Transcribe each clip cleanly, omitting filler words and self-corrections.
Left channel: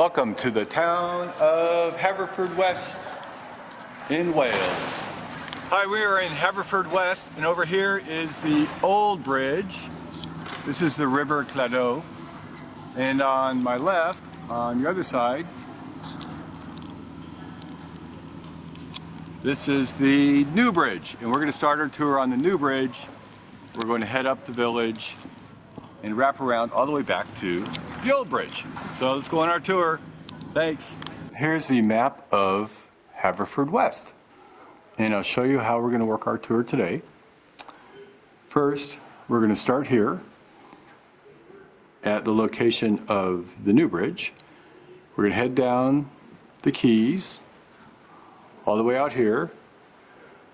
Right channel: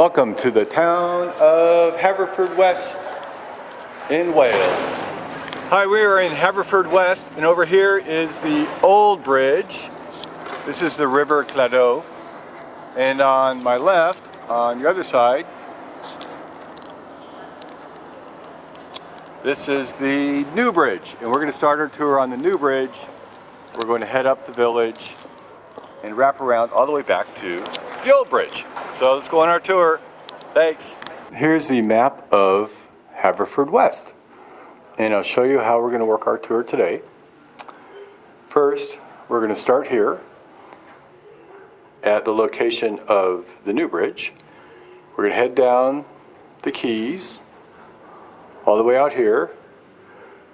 Welcome to the town of Haverfordwest in Wales. Hi, we are in Haverfordwest, and over here is the old bridge. This is the River Cladow, and on my left, on the other side, this is the new bridge, and we're going to start our tour on the new bridge. We're going to head up the village and wrap around all the way back to the old bridge. So let's go on our tour. Thanks. Here's the map of Haverfordwest, and I'll show you how we're going to work our tour today. First, we're going to start here at the location of the new bridge. We're going to head down the quays all the way out here.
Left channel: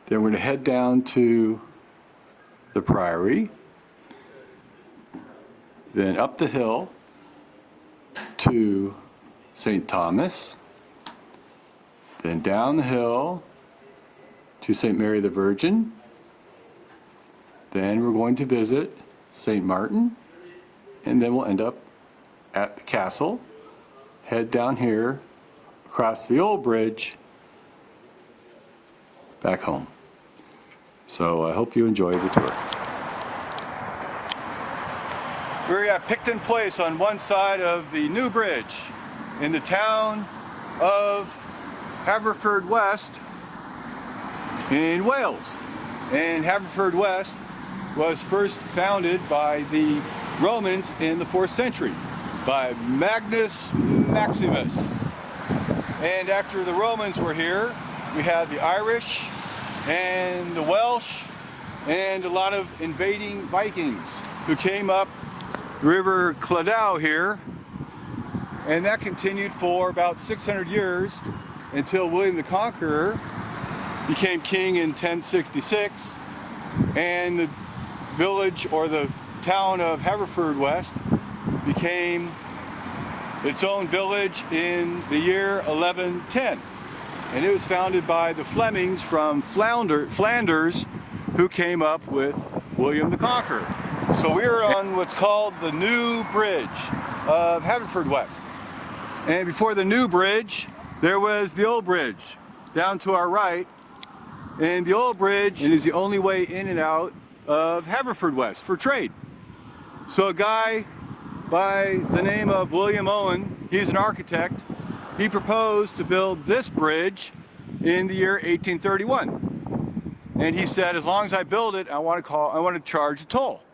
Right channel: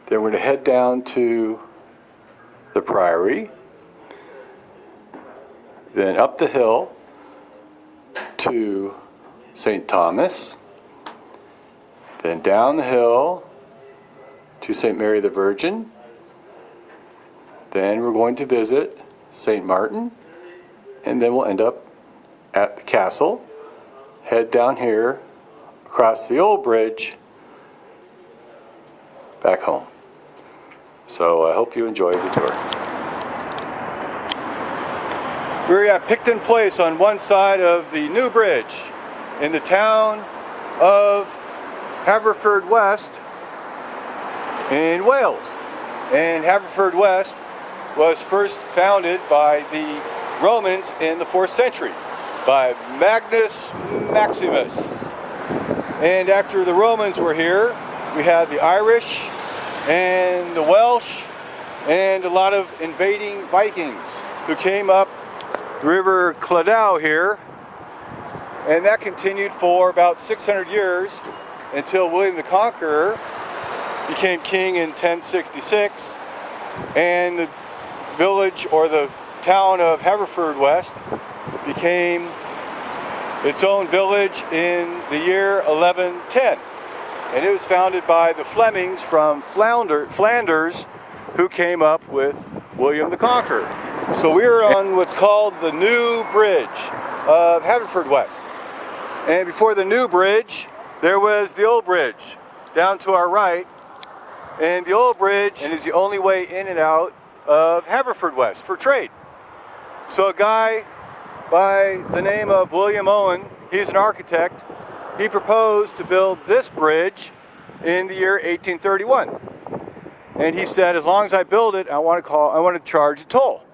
Then we're going to head down to the Priory, then up the hill to St. Thomas, then down the hill to St. Mary the Virgin. Then we're going to visit St. Martin, and then we'll end up at the castle, head down here across the old bridge back home. So I hope you enjoy the tour. We're at Picton Place on one side of the new bridge in the town of Haverfordwest in Wales. And Haverfordwest was first founded by the Romans in the 4th century by Magnus Maximus. And after the Romans were here, we had the Irish and the Welsh and a lot of invading Vikings who came up River Cladow here, and that continued for about 600 years until William the Conqueror became king in 1066, and the village or the town of Haverfordwest became its own village in the year 1110, and it was founded by the Flemings from Flanders who came up with William the Conqueror. So we're on what's called the new bridge of Haverfordwest. And before the new bridge, there was the old bridge down to our right. And the old bridge is the only way in and out of Haverfordwest for trade. So a guy by the name of William Owen, he's an architect, he proposed to build this bridge in the year 1831. And he said, as long as I build it, I want to charge a toll.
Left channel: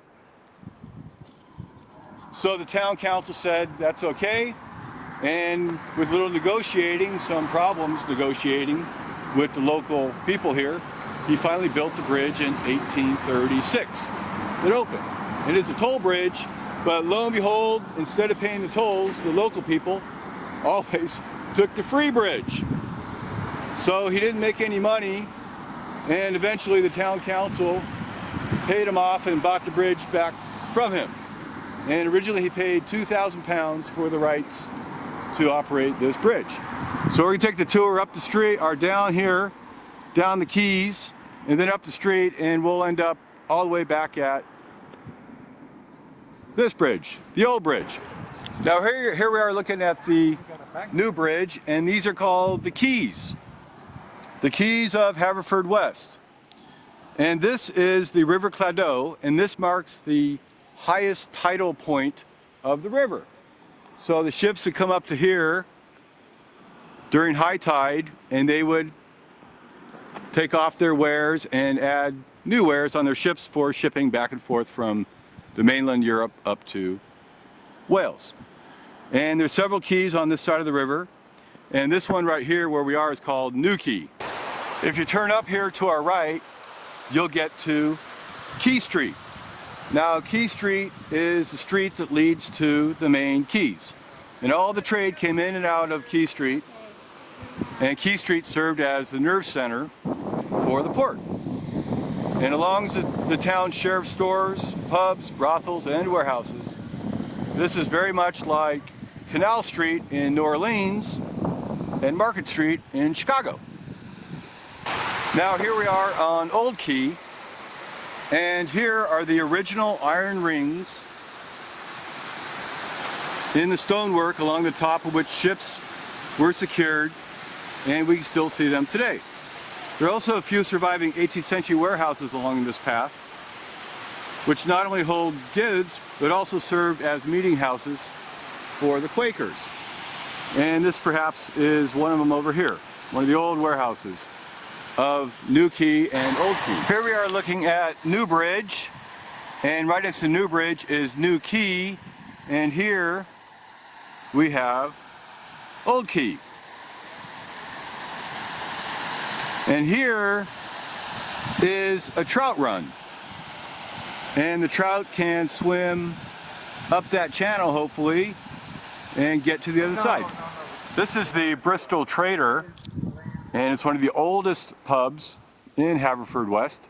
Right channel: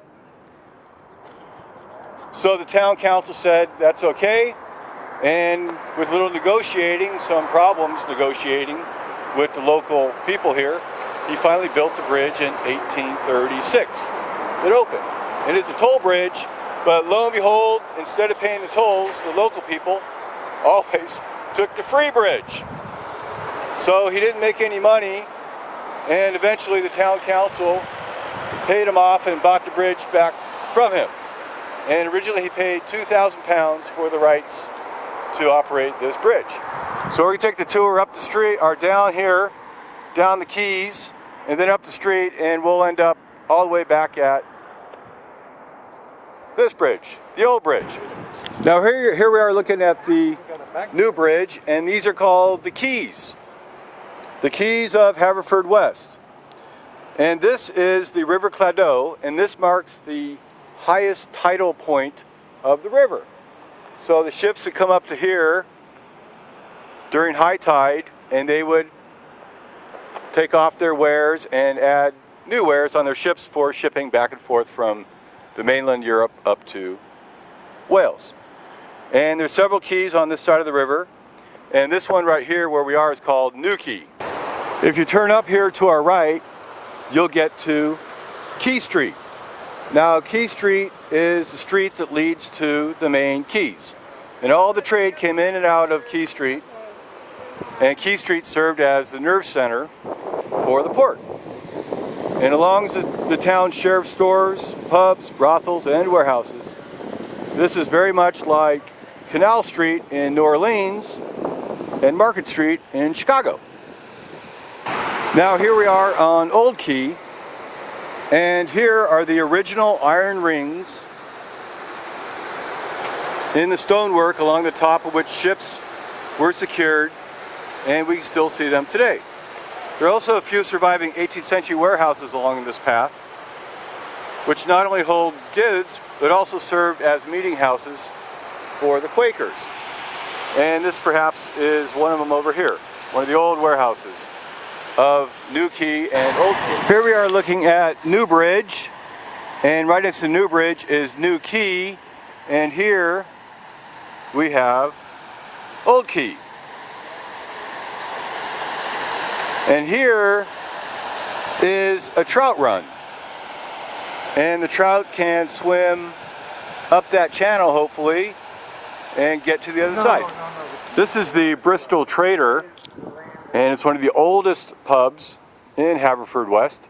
So the town council said that's okay, and with little negotiating, some problems negotiating with the local people here, he finally built the bridge in 1836. It opened. It is a toll bridge, but lo and behold, instead of paying the tolls, the local people always took the free bridge. So he didn't make any money, and eventually the town council paid him off and bought the bridge back from him. And originally he paid £2,000 for the rights to operate this bridge. So we're going to take the tour up the street, or down here, down the quays, and then up the street, and we'll end up all the way back at this bridge, the old bridge. Now here we are looking at the new bridge, and these are called the quays. The quays of Haverfordwest. And this is the River Cladow, and this marks the highest tidal point of the river. So the ships would come up to here during high tide, and they would take off their wares and add new wares on their ships for shipping back and forth from the mainland Europe up to Wales. And there's several quays on this side of the river, and this one right here where we are is called New Quay. If you turn up here to our right, you'll get to Quay Street. Now Quay Street is the street that leads to the main quays, and all the trade came in and out of Quay Street, and Quay Street served as the nerve center for the port. And along the town's sheriff's stores, pubs, brothels, and warehouses, this is very much like Canal Street in New Orleans and Market Street in Chicago. Now here we are on Old Quay, and here are the original iron rings in the stonework along the top of which ships were secured, and we can still see them today. There are also a few surviving 18th century warehouses along this path, which not only hold goods, but also served as meeting houses for the Quakers. And this perhaps is one of them over here, one of the old warehouses of New Quay and Old Quay. Here we are looking at New Bridge, and right next to New Bridge is New Quay, and here we have Old Quay. And here is a trout run, and the trout can swim up that channel hopefully and get to the other side. This is the Bristol Trader, and it's one of the oldest pubs in Haverfordwest,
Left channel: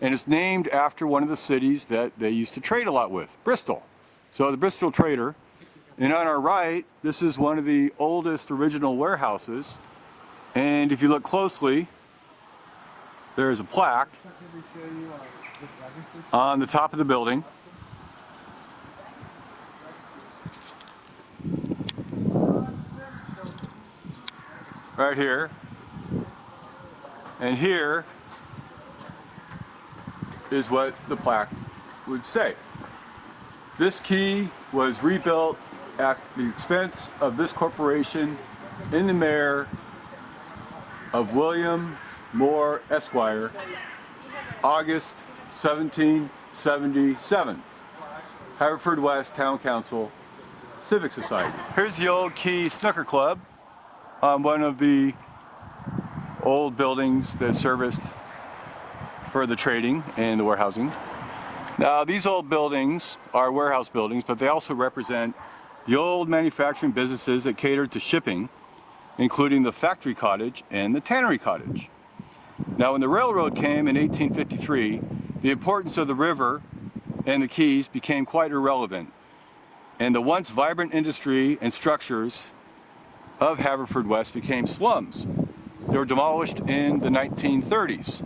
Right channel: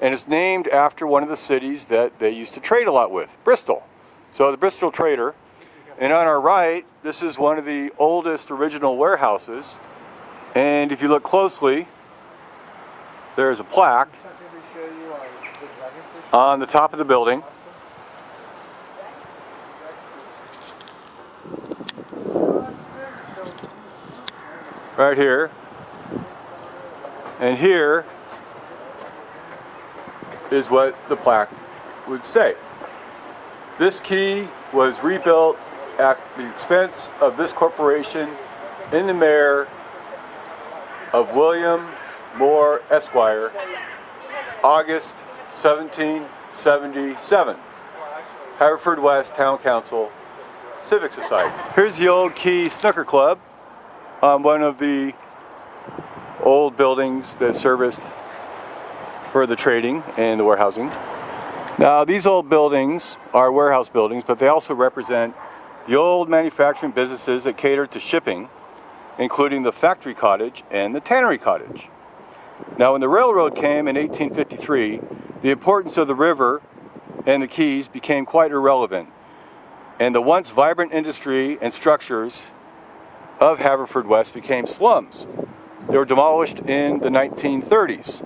and it's named after one of the cities that they used to trade a lot with, Bristol. So the Bristol Trader. And on our right, this is one of the oldest original warehouses, and if you look closely, there's a plaque on the top of the building. Right here. And here is what the plaque would say. This quay was rebuilt at the expense of this corporation in the mayor of William Moore Esquire, August 1777. Haverfordwest Town Council Civic Society. Here's the Old Quay Snooker Club, one of the old buildings that serviced for the trading and the warehousing. Now these old buildings are warehouse buildings, but they also represent the old manufacturing businesses that catered to shipping, including the factory cottage and the tannery cottage. Now when the railroad came in 1853, the importance of the river and the quays became quite irrelevant, and the once vibrant industry and structures of Haverfordwest became slums. They were demolished in the 1930s.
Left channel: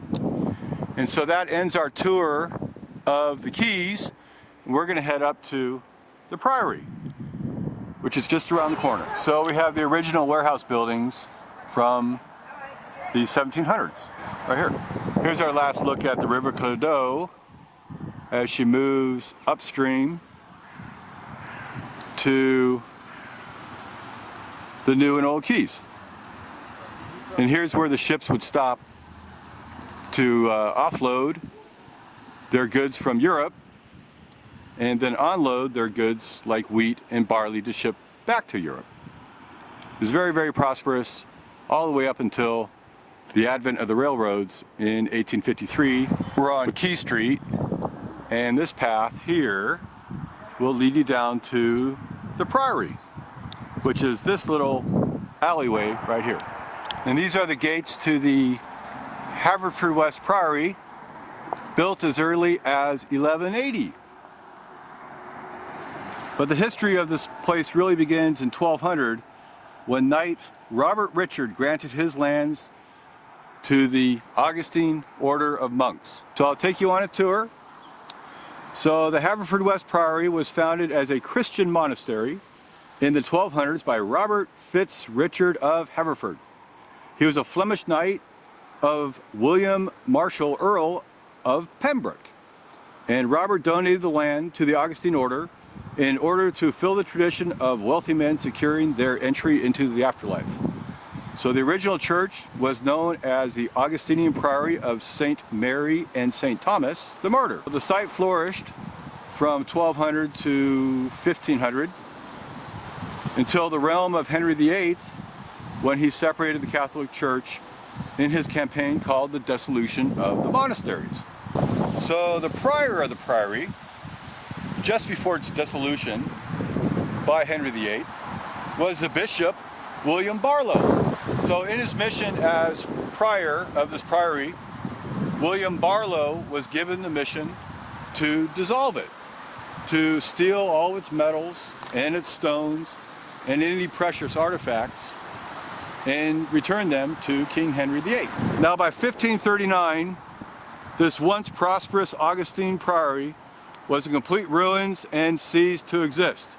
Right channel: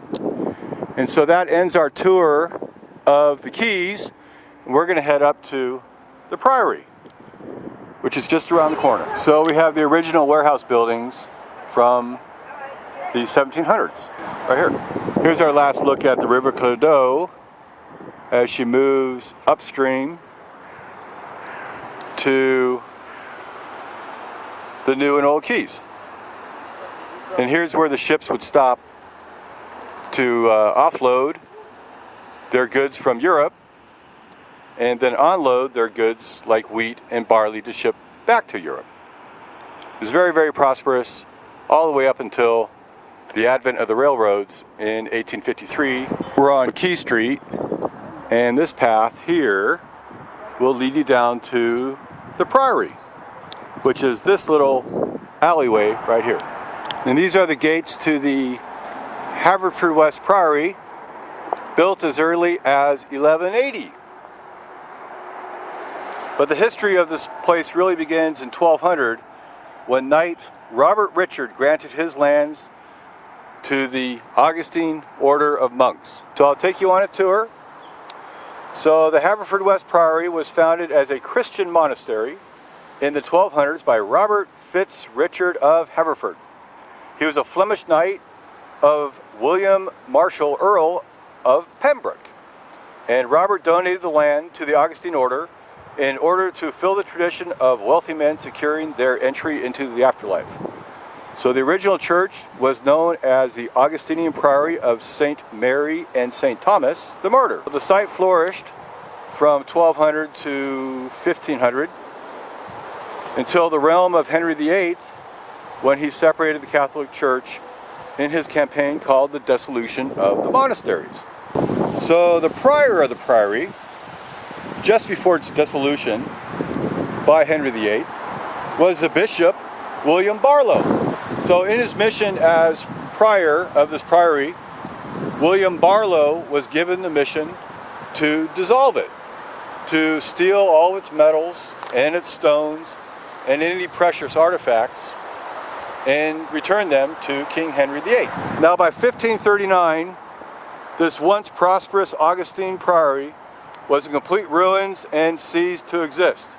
And so that ends our tour of the quays, and we're going to head up to the Priory, which is just around the corner. So we have the original warehouse buildings from the 1700s, right here. Here's our last look at the River Clodo as she moves upstream to the new and old quays. And here's where the ships would stop to offload their goods from Europe and then unload their goods like wheat and barley to ship back to Europe. It was very, very prosperous all the way up until the advent of the railroads in 1853. We're on Quay Street, and this path here will lead you down to the Priory, which is this little alleyway right here. And these are the gates to the Haverfordwest Priory, built as early as 1180. But the history of this place really begins in 1200, when Knight Robert Richard granted his lands to the Augustine Order of Monks. So I'll take you on a tour. So the Haverfordwest Priory was founded as a Christian monastery in the 1200s by Robert Fitz Richard of Haverford. He was a Flemish knight of William Marshall, Earl of Pembroke. And Robert donated the land to the Augustine Order in order to fill the tradition of wealthy men securing their entry into the afterlife. So the original church was known as the Augustinian Priory of St. Mary and St. Thomas the Martyr. The site flourished from 1200 to 1500 until the realm of Henry VIII, when he separated the Catholic Church in his campaign called the Dissolution of the Monasteries. So the prior of the Priory, just before its dissolution by Henry VIII, was the Bishop William Barlow. So in his mission as prior of this priory, William Barlow was given the mission to dissolve it, to steal all its metals and its stones and any precious artifacts and return them to King Henry VIII. Now by 1539, this once prosperous Augustine Priory was in complete ruins and ceased to exist.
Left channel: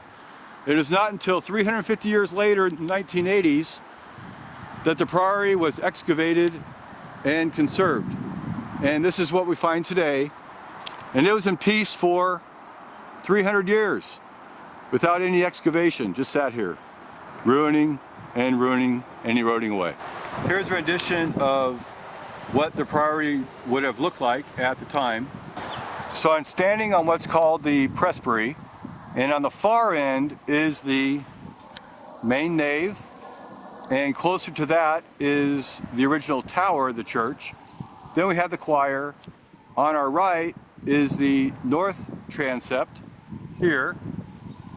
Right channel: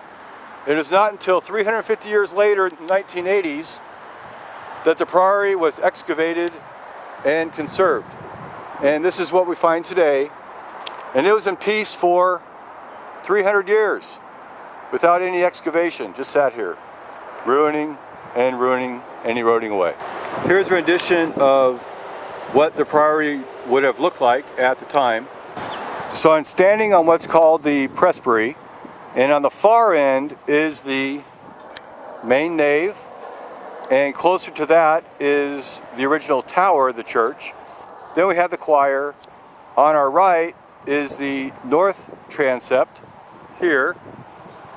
It is not until 350 years later, in the 1980s, that the Priory was excavated and conserved. And this is what we find today. And it was in peace for 300 years without any excavation, just sat here, ruining and ruining and eroding away. Here's a rendition of what the Priory would have looked like at the time. So I'm standing on what's called the presbytery, and on the far end is the main nave, and closer to that is the original tower of the church. Then we have the choir. On our right is the north transept here.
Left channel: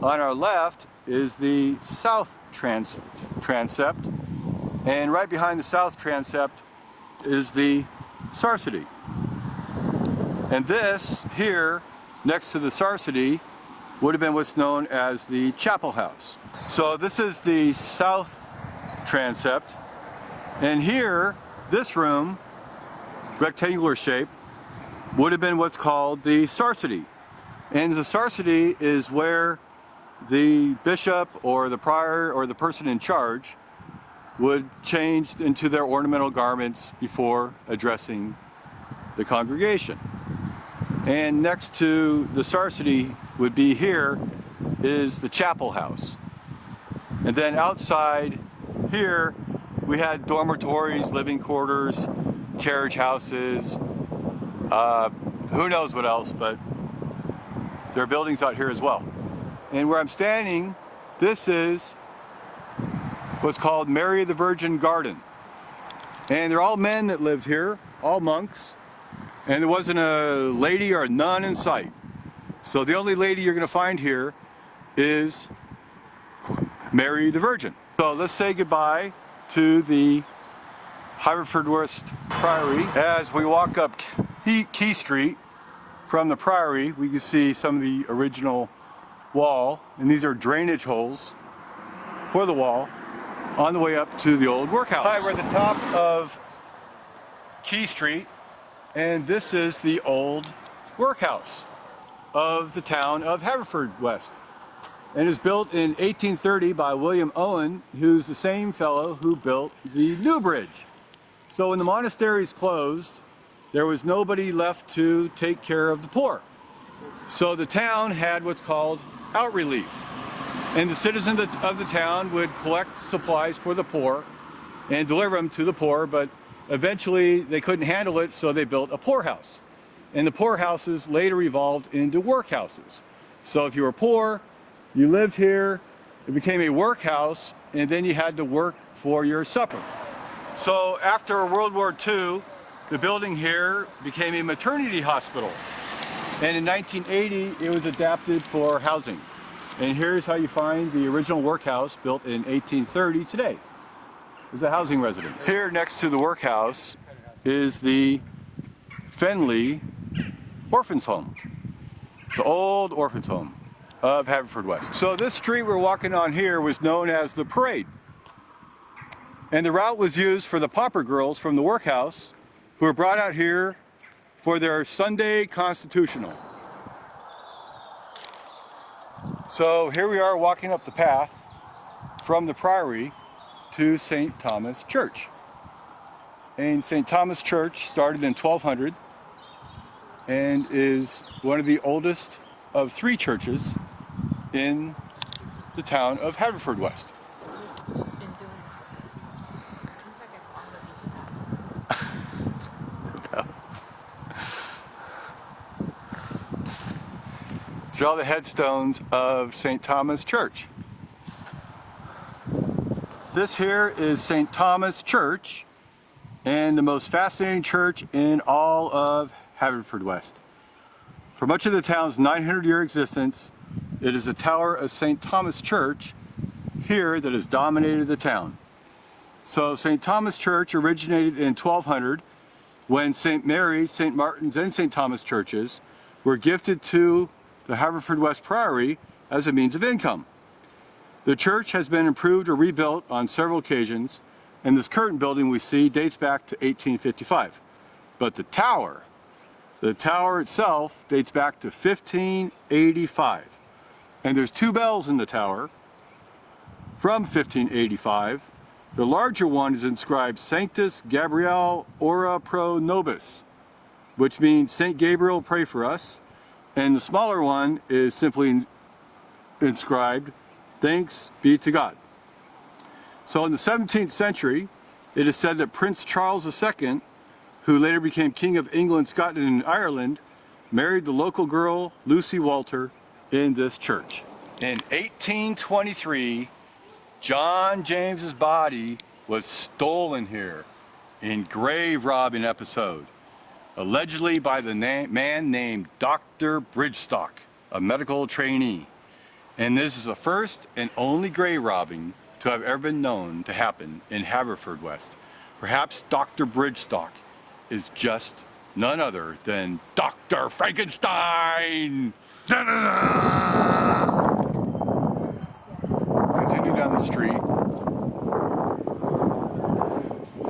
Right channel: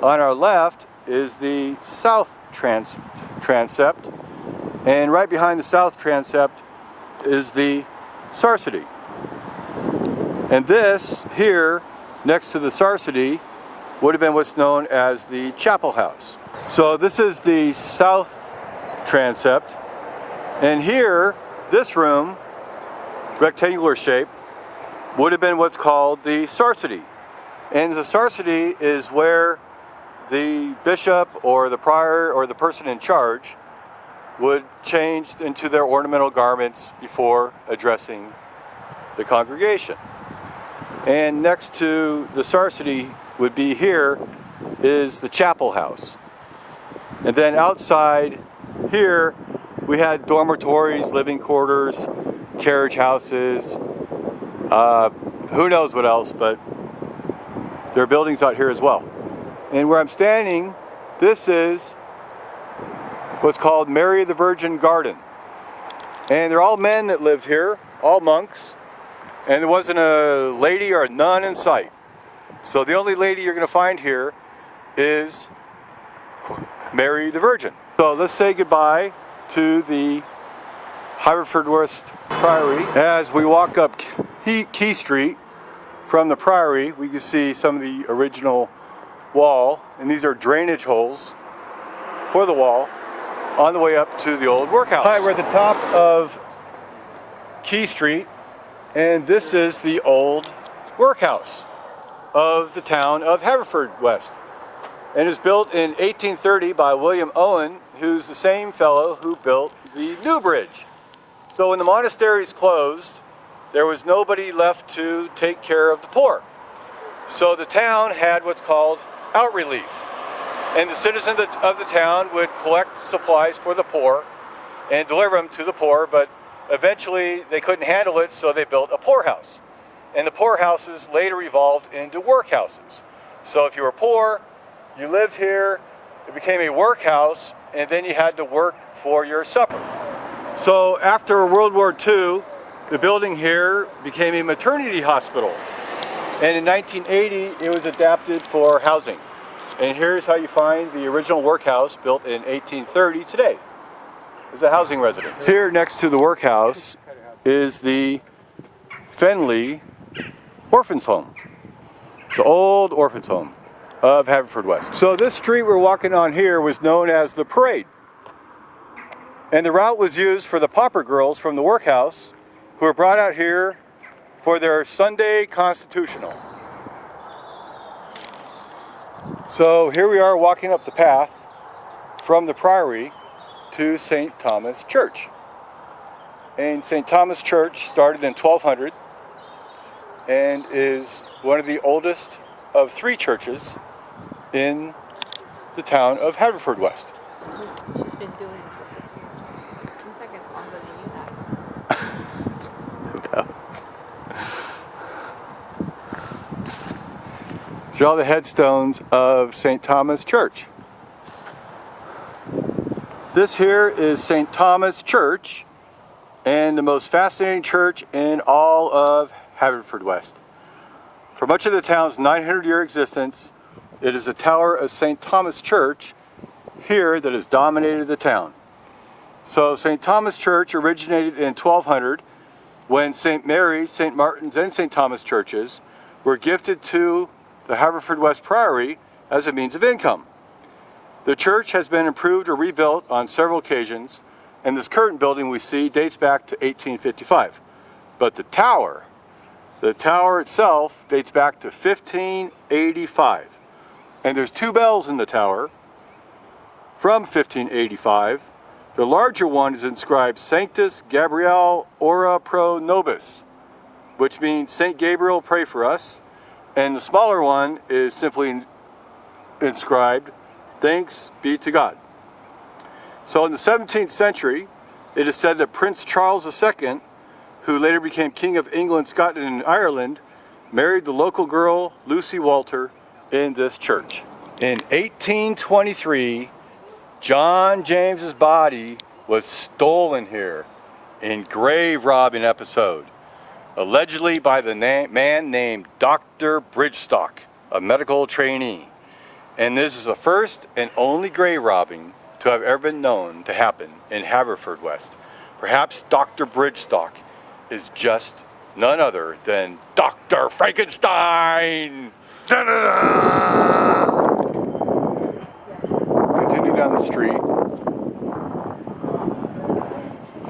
On our left is the south transept, and right behind the south transept is the sarcity. And this here, next to the sarcity, would have been what's known as the chapel house. So this is the south transept, and here, this room, rectangular shape, would have been what's called the sarcity. And the sarcity is where the bishop or the prior or the person in charge would change into their ornamental garments before addressing the congregation. And next to the sarcity would be here is the chapel house. And then outside here we had dormitories, living quarters, carriage houses, who knows what else, but there are buildings out here as well. And where I'm standing, this is what's called Mary the Virgin Garden. And they're all men that lived here, all monks, and there wasn't a lady or a nun in sight. So the only lady you're going to find here is Mary the Virgin. So let's say goodbye to the Haverfordwest Priory. As we walk up Key Street from the Priory, we can see some of the original wall, and these are drainage holes for the wall on the way up to the old workhouse. Hi, we're at the top of Key Street, and this is the old workhouse of the town of Haverfordwest. And it was built in 1830 by William Owen, who's the same fellow who built the new bridge. So when the monasteries closed, there was nobody left to take care of the poor. So the town had what's called out relief. And the citizens of the town would collect supplies for the poor and deliver them to the poor, but eventually they couldn't handle it, so they built a poorhouse. And the poorhouses later evolved into workhouses. So if you were poor, you lived here, it became a workhouse, and then you had to work for your supper. So after World War II, the building here became a maternity hospital. And in 1980, it was adapted for housing. And here's how you find the original workhouse built in 1830 today. It's a housing residence. Here next to the workhouse is the Fenley Orphans Home, the old orphans home of Haverfordwest. So this street we're walking on here was known as the Parade. And the route was used for the pauper girls from the workhouse who were brought out here for their Sunday constitutional. So here we are walking up the path from the Priory to St. Thomas Church. And St. Thomas Church started in 1200 and is one of the oldest of 3 churches in the town of Haverfordwest. She's been doing it for 6 years. Seems like it's longer than you have. These are all the headstones of St. Thomas Church. This here is St. Thomas Church, and the most fascinating church in all of Haverfordwest. For much of the town's 900-year existence, it is the tower of St. Thomas Church here that has dominated the town. So St. Thomas Church originated in 1200 when St. Mary's, St. Martin's, and St. Thomas churches were gifted to the Haverfordwest Priory as a means of income. The church has been improved or rebuilt on several occasions, and this current building we see dates back to 1855. But the tower itself dates back to 1585. And there's 2 bells in the tower from 1585. The larger one is inscribed Sanctus Gabriel Ora Pro Nobis, which means Saint Gabriel, pray for us. And the smaller one is simply inscribed, Thanks be to God. So in the 17th century, it is said that Prince Charles II, who later became King of England, Scotland, and Ireland, married the local girl, Lucy Walter, in this church. In 1823, John James's body was stolen here in grave robbing episode, allegedly by the man named Dr. Bridgestock, a medical trainee. And this is the first and only grave robbing to have ever been known to happen in Haverfordwest. Perhaps Dr. Bridgestock is just none other than Dr. Frankenstein! Da-da-da! Continue down the street.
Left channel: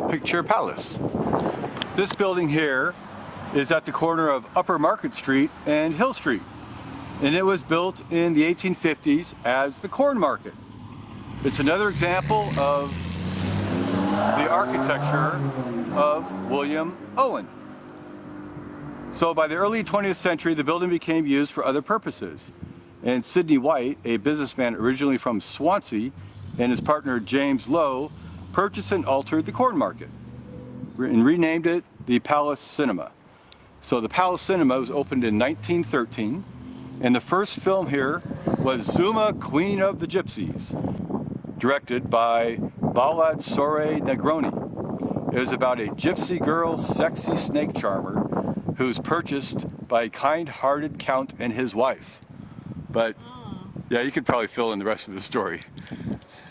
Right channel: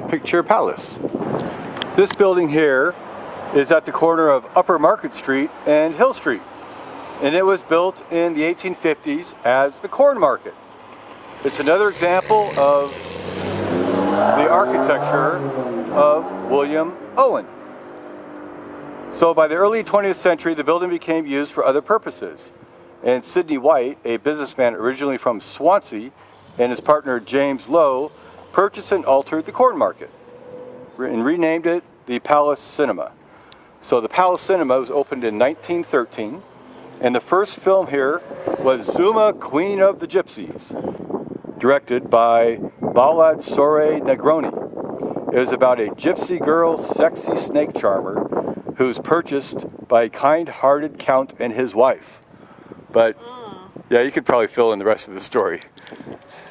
Picture Palace. This building here is at the corner of Upper Market Street and Hill Street. And it was built in the 1850s as the corn market. It's another example of the architecture of William Owen. So by the early 20th century, the building became used for other purposes. And Sidney White, a businessman originally from Swansea, and his partner James Lowe, purchased and altered the corn market and renamed it the Palace Cinema. So the Palace Cinema was opened in 1913, and the first film here was Zuma, Queen of the Gypsies, directed by Baldassare Negroni. It was about a gypsy girl's sexy snake charmer who's purchased by a kind-hearted count and his wife. But yeah, you could probably fill in the rest of the story.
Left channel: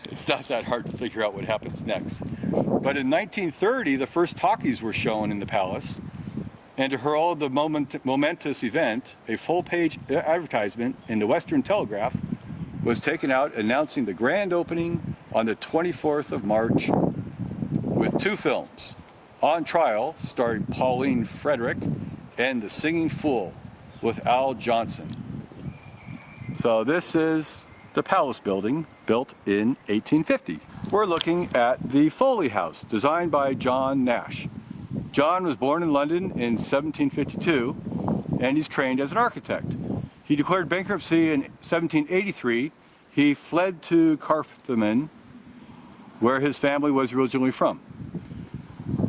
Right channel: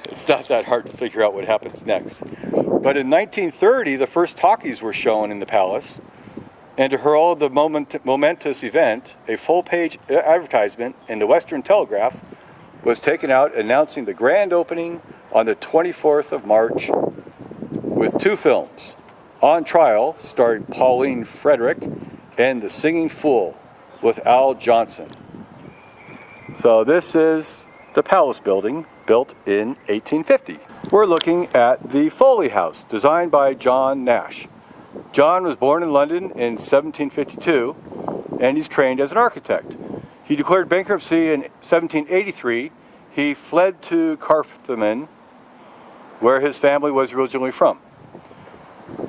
It's not that hard to figure out what happens next. But in 1930, the first talkies were shown in the palace, and to herald the momentous event, a full-page advertisement in the Western Telegraph was taken out announcing the grand opening on the 24th of March with 2 films. On Trial, starring Pauline Frederick, and The Singing Fool with Al Johnson. So this is the Palace building, built in 1850. We're looking at the Foley House, designed by John Nash. John was born in London in 1752, and he's trained as an architect. He declared bankruptcy in 1783. He fled to Carmarthen, where his family was originally from.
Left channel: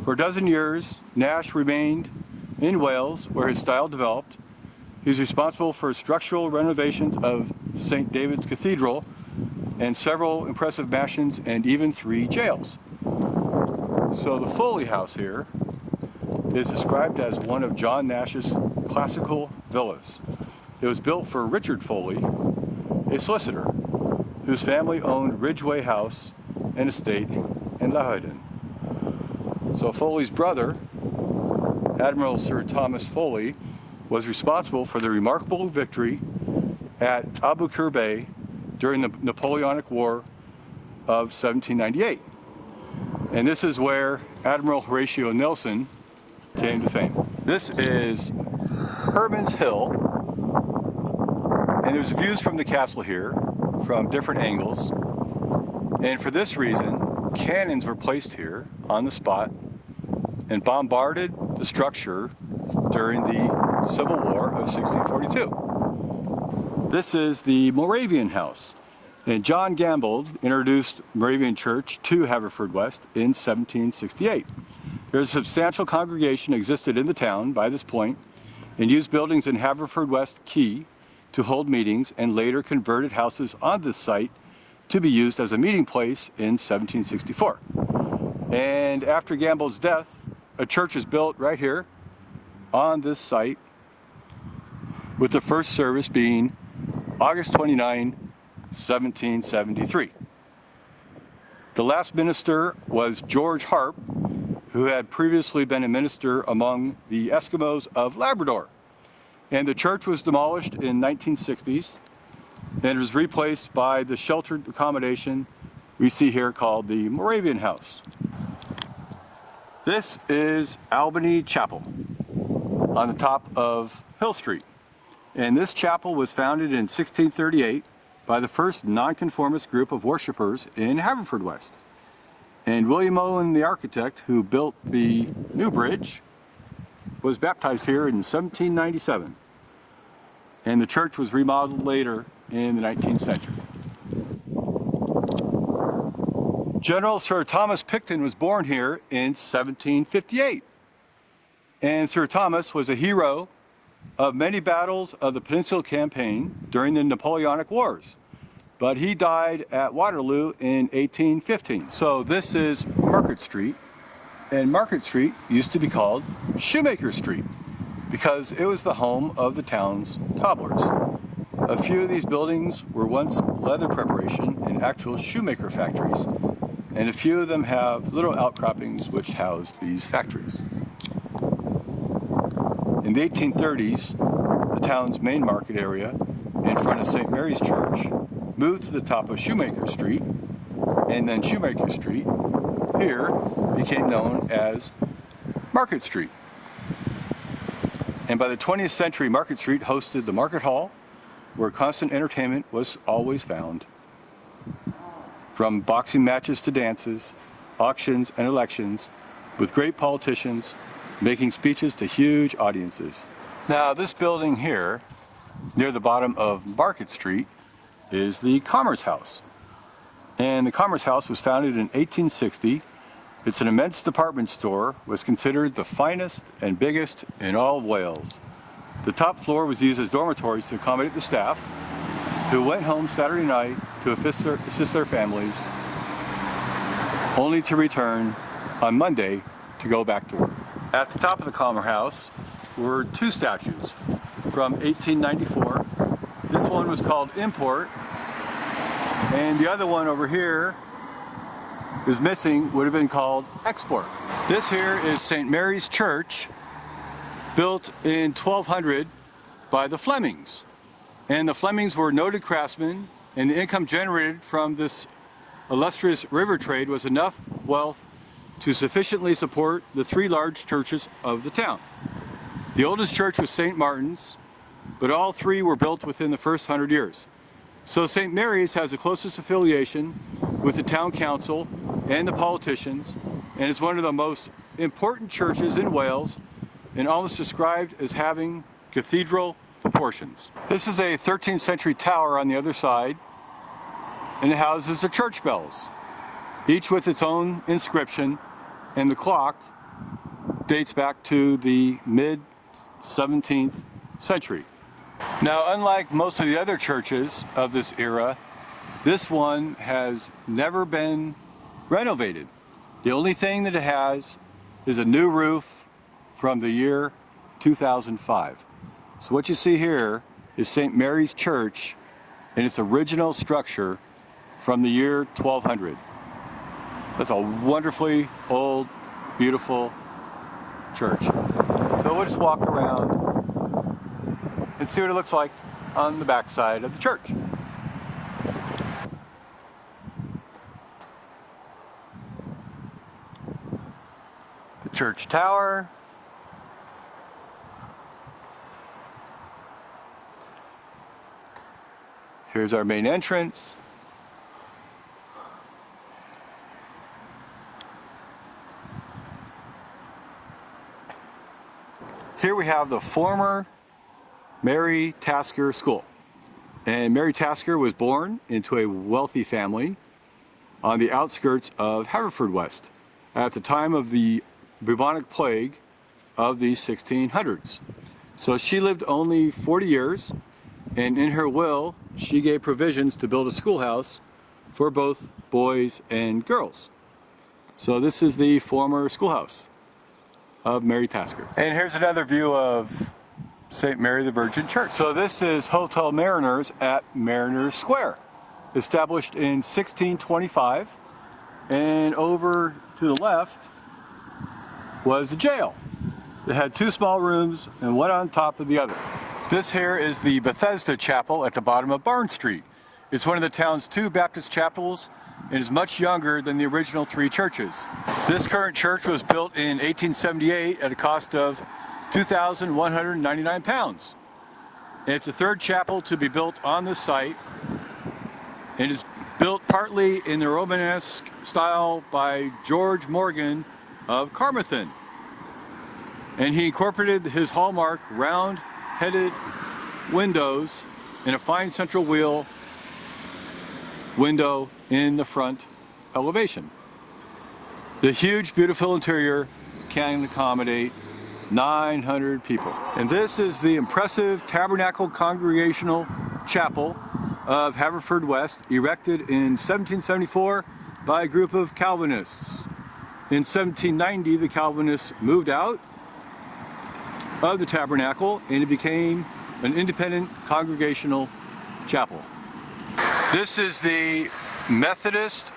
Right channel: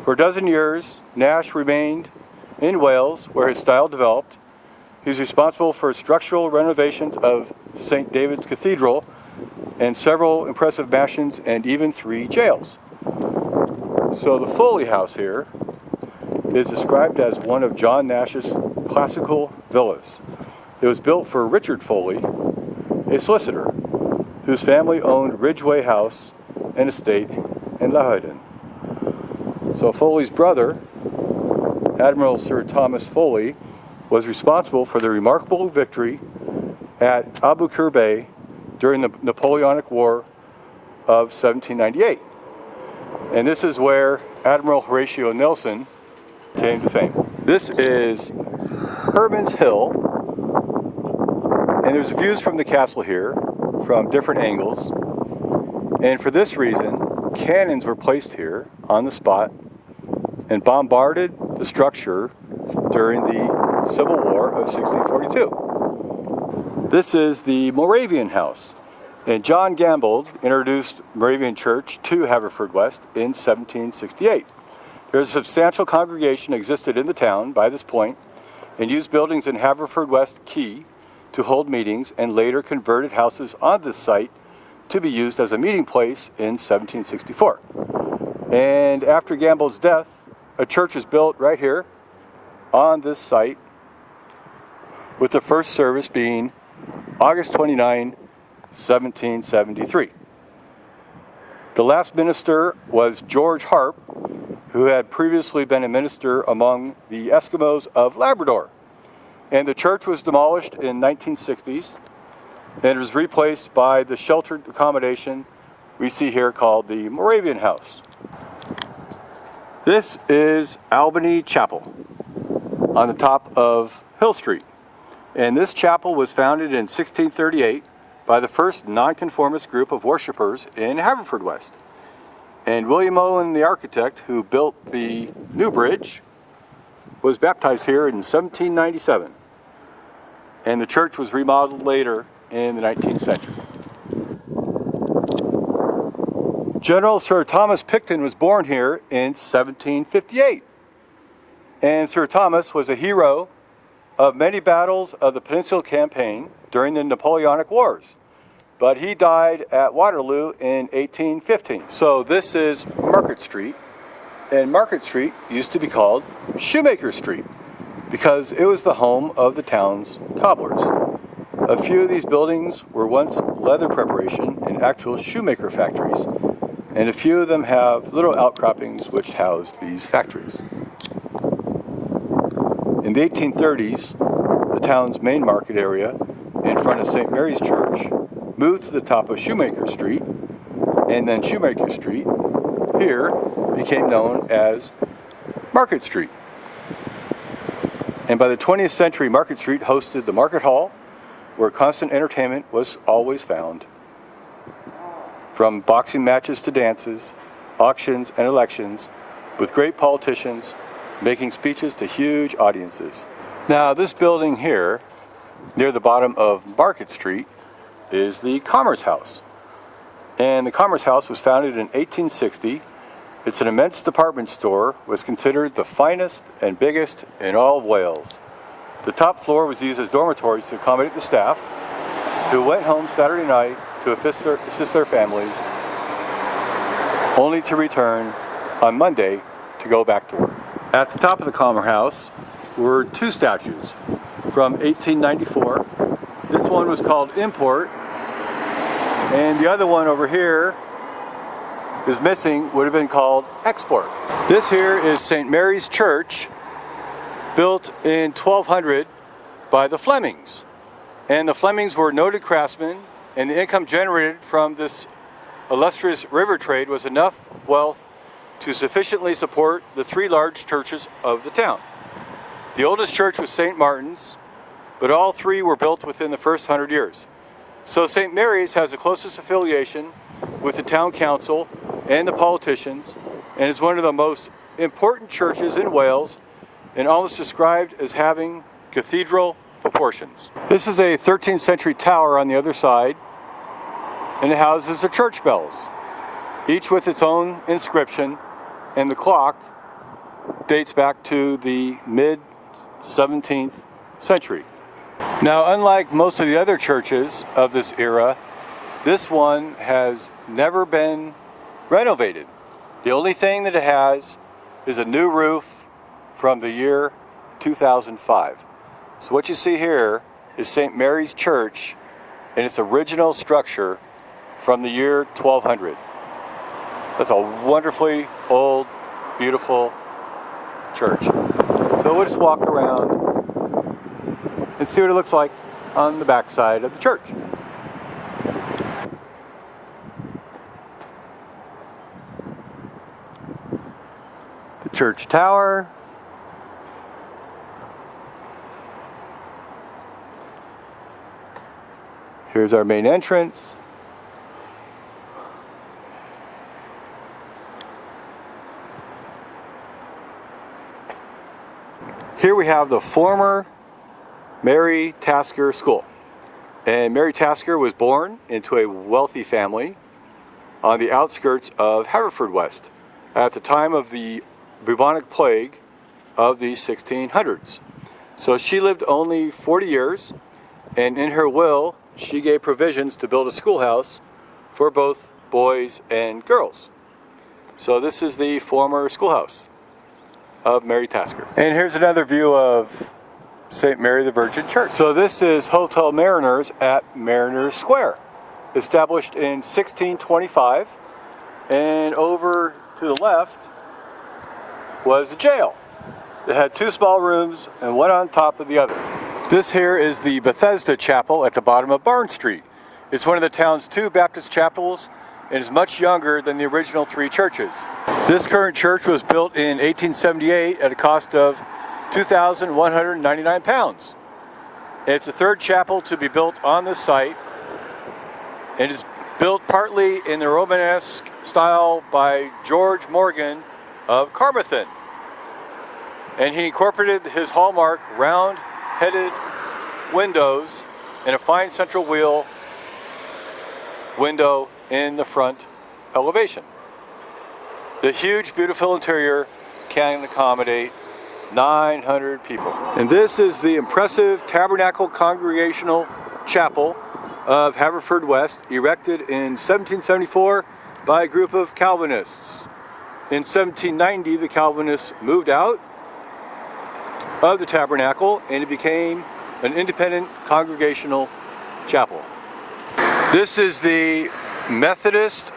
For a dozen years, Nash remained in Wales, where his style developed. He's responsible for structural renovations of St. David's Cathedral and several impressive mansions and even 3 jails. So the Foley House here is described as one of John Nash's classical villas. It was built for Richard Foley, a solicitor, whose family owned Ridgeway House and estate in Loudon. So Foley's brother, Admiral Sir Thomas Foley, was responsible for the remarkable victory at Abu Qir during the Napoleonic War of 1798. And this is where Admiral Horatio Nelson came to fame. This is Herman's Hill, and there's views from the castle here from different angles. And for this reason, cannons were placed here on the spot and bombarded the structure during the Civil War of 1642. This is the Moravian House, and John Gambold introduced Moravian Church to Haverfordwest in 1768. There is a substantial congregation existed in the town by this point, and used buildings in Haverfordwest Quay to hold meetings, and later converted houses on this site to be used as a meeting place in 1764. And after Gambold's death, a church is built right here on this site, with the first service being August 29, 1773. The last minister was George Harp, who had previously been a minister among the Eskimos of Labrador. And the church was demolished in 1960s, and it was replaced by the sheltered accommodation we see here called the Moravian House. This is Albany Chapel on the top of Hill Street. And this chapel was founded in 1638 by the first nonconformist group of worshipers in Haverfordwest. And William Owen, the architect who built the new bridge, was baptized here in 1797. And the church was remodeled later in the 19th century. General Sir Thomas Picton was born here in 1758. And Sir Thomas was a hero of many battles of the Peninsula Campaign during the Napoleonic Wars. But he died at Waterloo in 1815. So this is Market Street, and Market Street used to be called Shoemaker Street because it was the home of the town's cobblers. A few of these buildings were once leather preparation and actual shoemaker factories, and a few of them have little outcroppings which house these factories. In the 1830s, the town's main market area in front of St. Mary's Church moved to the top of Shoemaker Street, and then Shoemaker Street here became known as Market Street. And by the 20th century, Market Street hosted the Market Hall, where constant entertainment was always found. From boxing matches to dances, auctions and elections, with great politicians making speeches to huge audiences. Now this building here, near the bottom of Market Street, is the Commerce House. And the Commerce House was founded in 1860. It's an immense department store, was considered the finest and biggest in all of Wales. The top floor was used as dormitories to accommodate the staff, who went home Saturday night to assist their families, only to return on Monday to go back to work. At the top of the Commerce House were two statues from 1894. This one was called Import, and the other one over here is missing, would have been called Export. This here is St. Mary's Church, built in 1200 by the Flemings. And the Flemings were noted craftsmen, and the income generated from this illustrious river trade was enough wealth to sufficiently support the three large churches of the town. The oldest church was St. Martin's, but all three were built within the first 100 years. So St. Mary's has the closest affiliation with the town council and the politicians, and is one of the most important churches in Wales, and almost described as having cathedral proportions. This is a 13th century tower on the other side, and it houses the church bells, each with its own inscription, and the clock dates back to the mid-17th century. Now, unlike most of the other churches of this era, this one has never been renovated. The only thing that it has is a new roof from the year 2005. So what you see here is St. Mary's Church in its original structure from the year 1200. That's a wonderfully old, beautiful church. So we'll just walk around and see what it looks like on the back side of the church. The church tower. Here's our main entrance. Here we have the former Mary Tasker School. And Mary Tasker was born into a wealthy family on the outskirts of Haverfordwest at the time of the bubonic plague of the 1600s. So she lived only 40 years, and in her will she gave provisions to build a schoolhouse for both boys and girls. So this is the former schoolhouse of Mary Tasker. And here's another view of St. Mary the Virgin Church. So this is Hotel Mariners at Mariners Square, established in 1625, and over to the left was the jail. It had two small rooms and one on top of the other. This here is the Bethesda Chapel at the bottom of Barn Street. It's one of the town's two Baptist chapels and is much younger than the original three churches. This current church was built in 1878 at a cost of £2,199. It's the third chapel to be built on this site, and is built partly in the Romanesque style by George Morgan of Carmarthen. And he incorporated his hallmark round-headed windows and a fine central wheel window in the front elevation. The huge, beautiful interior can accommodate 900 people. And this is the impressive Tabernacle Congregational Chapel of Haverfordwest, erected in 1774 by a group of Calvinists. In 1790, the Calvinists moved out of the tabernacle and it became an independent congregational chapel. This is the Methodist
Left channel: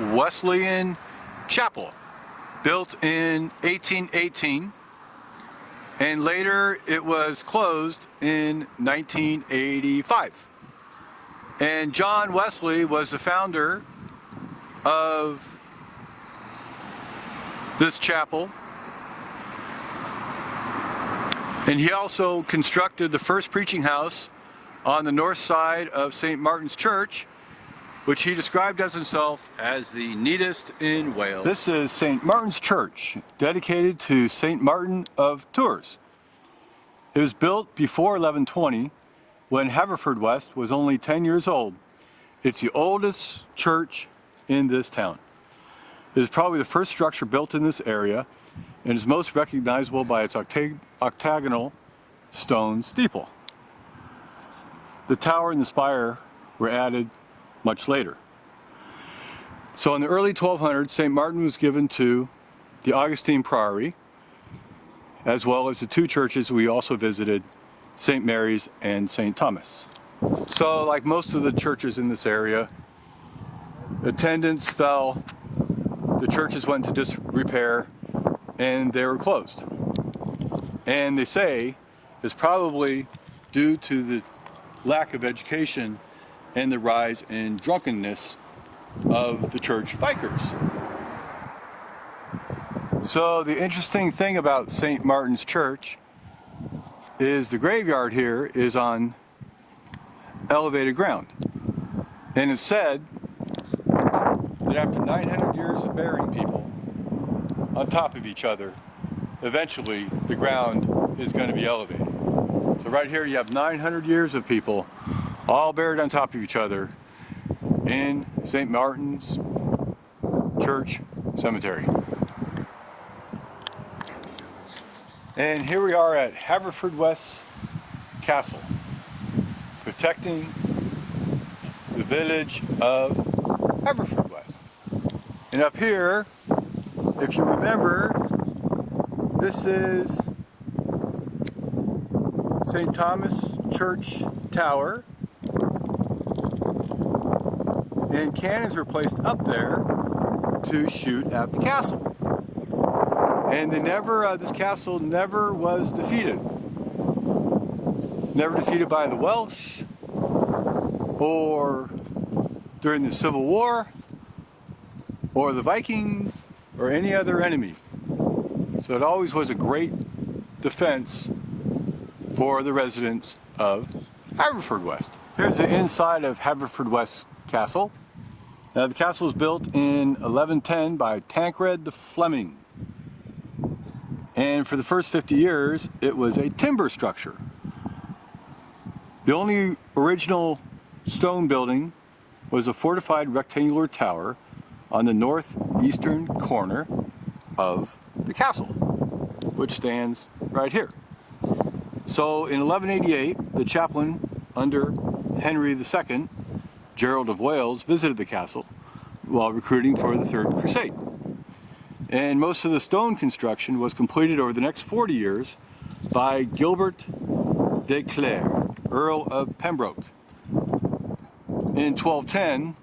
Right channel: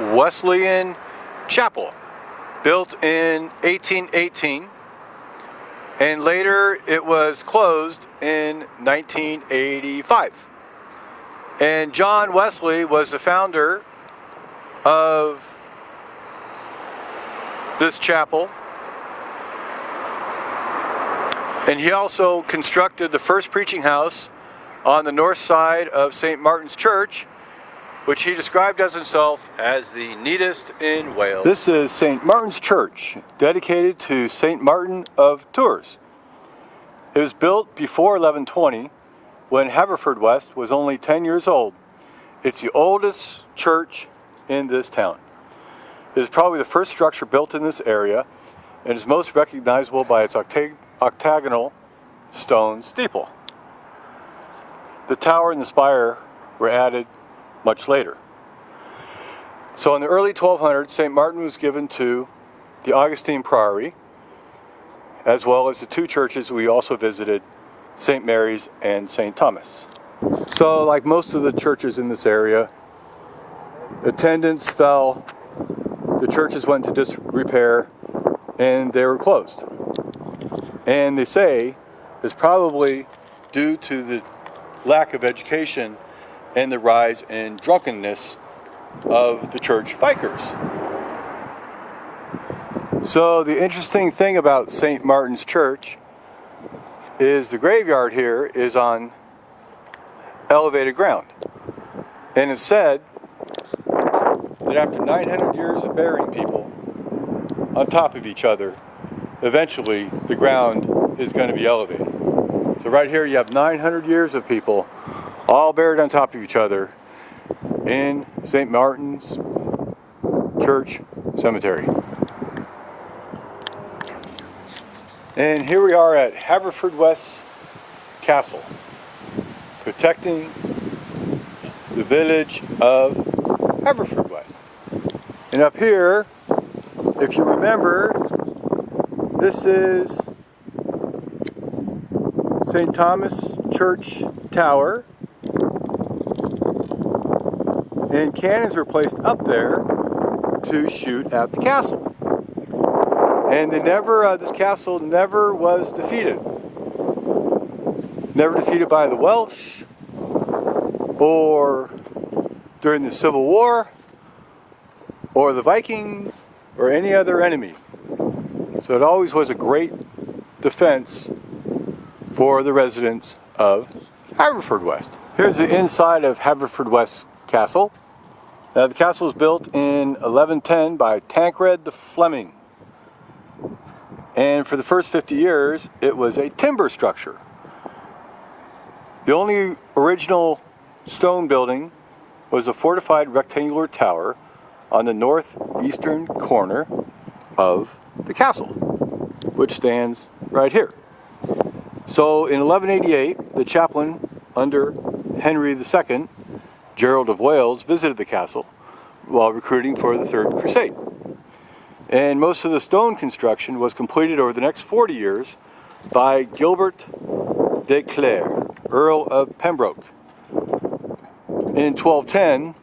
Wesleyan Chapel, built in 1818, and later it was closed in 1985. And John Wesley was the founder of this chapel, and he also constructed the first preaching house on the north side of St. Martin's Church, which he described as himself as the neatest in Wales. This is St. Martin's Church, dedicated to St. Martin of Tours. It was built before 1120, when Haverfordwest was only 10 years old. It's the oldest church in this town. It is probably the first structure built in this area and is most recognizable by its octagonal stone steeple. The tower and the spire were added much later. So in the early 1200s, St. Martin was given to the Augustinian Priory, as well as the two churches we also visited, St. Mary's and St. Thomas. So like most of the churches in this area, attendance fell, the churches went into disrepair, and they were closed. And they say it's probably due to the lack of education and the rise in drunkenness of the church vikers. So the interesting thing about St. Martin's Church is the graveyard here is on elevated ground. And it's said that after 900 years of burying people on top of each other, eventually the ground is going to be elevated. So right here you have 900 years of people all buried on top of each other in St. Martin's Church Cemetery. And here we are at Haverfordwest Castle, protecting the village of Haverfordwest. And up here, if you remember, this is St. Thomas Church Tower, and cannons were placed up there to shoot at the castle. And they never, this castle never was defeated. Never defeated by the Welsh, or during the Civil War, or the Vikings, or any other enemy. So it always was a great defense for the residents of Haverfordwest. Here's the inside of Haverfordwest Castle. Now, the castle was built in 1110 by Tancred the Fleming. And for the first 50 years, it was a timber structure. The only original stone building was a fortified rectangular tower on the northeastern corner of the castle, which stands right here. So in 1188, the chaplain under Henry II, Gerald of Wales, visited the castle while recruiting for the Third Crusade. And most of the stone construction was completed over the next 40 years by Gilbert de Clare, Earl of Pembroke. In 1210,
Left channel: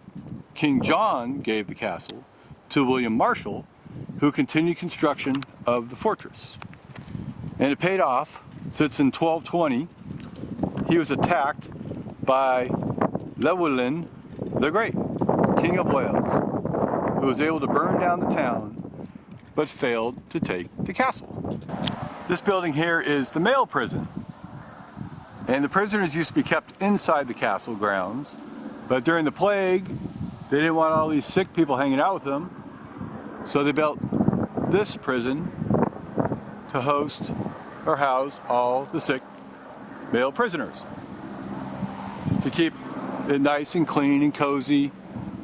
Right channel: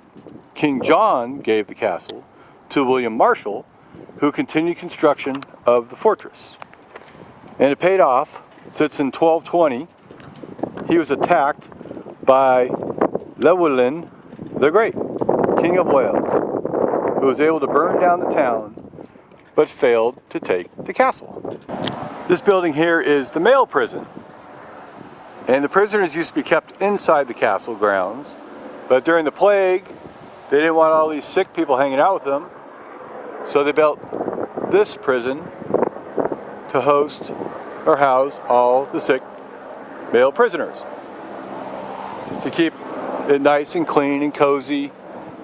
King John gave the castle to William Marshall, who continued construction of the fortress. And it paid off, since in 1220, he was attacked by Llywelyn the Great, King of Wales, who was able to burn down the town but failed to take the castle. This building here is the male prison, and the prisoners used to be kept inside the castle grounds, But during the plague, they didn't want all these sick people hanging out with them, so they built this prison to host or house all the sick male prisoners, to keep it nice and clean and cozy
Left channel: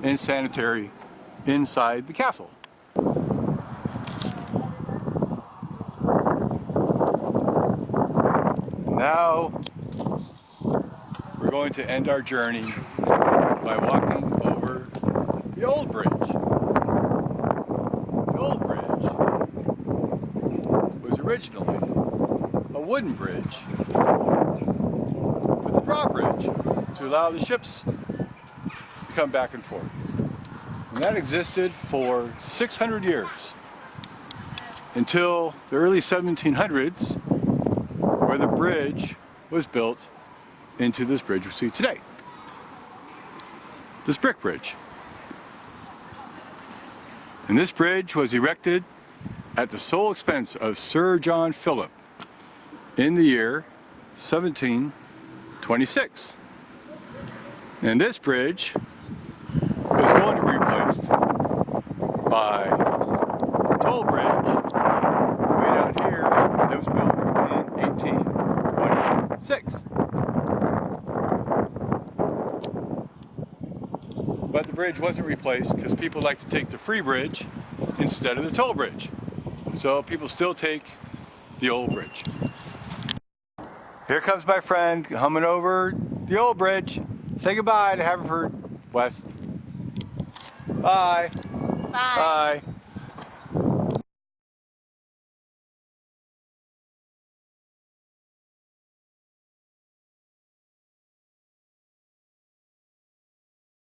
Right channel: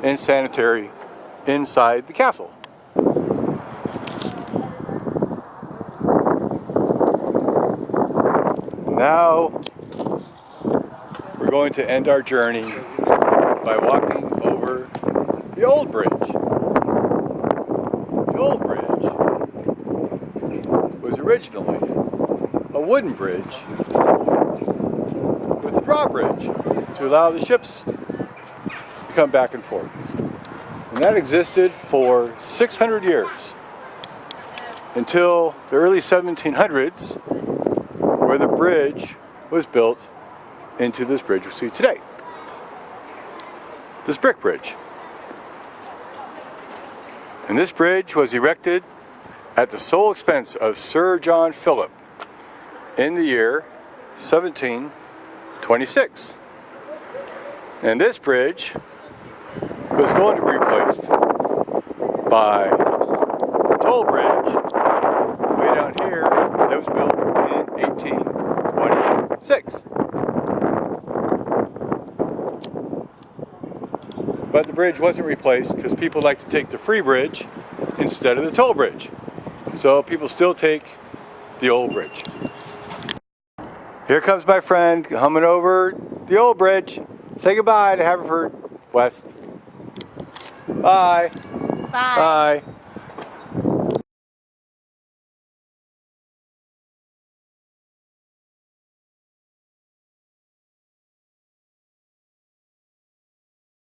and sanitary inside the castle. Now we're going to end our journey by walking over the old bridge. The old bridge was originally a wooden bridge with a drawbridge to allow the ships to come back and forth. And that existed for 600 years until the early 1700s, where the bridge was built into this bridge we see today. This brick bridge. And this bridge was erected at the sole expense of Sir John Philip in the year 1726. And this bridge was going to be replaced by the toll bridge way down here that was built in 1826. But the bridge wasn't replaced because people like to take the free bridge instead of the toll bridge. So people still take the old bridge. Here comes my friend humming over the old bridge. Say goodbye to Haverfordwest. Bye. Bye. Bye.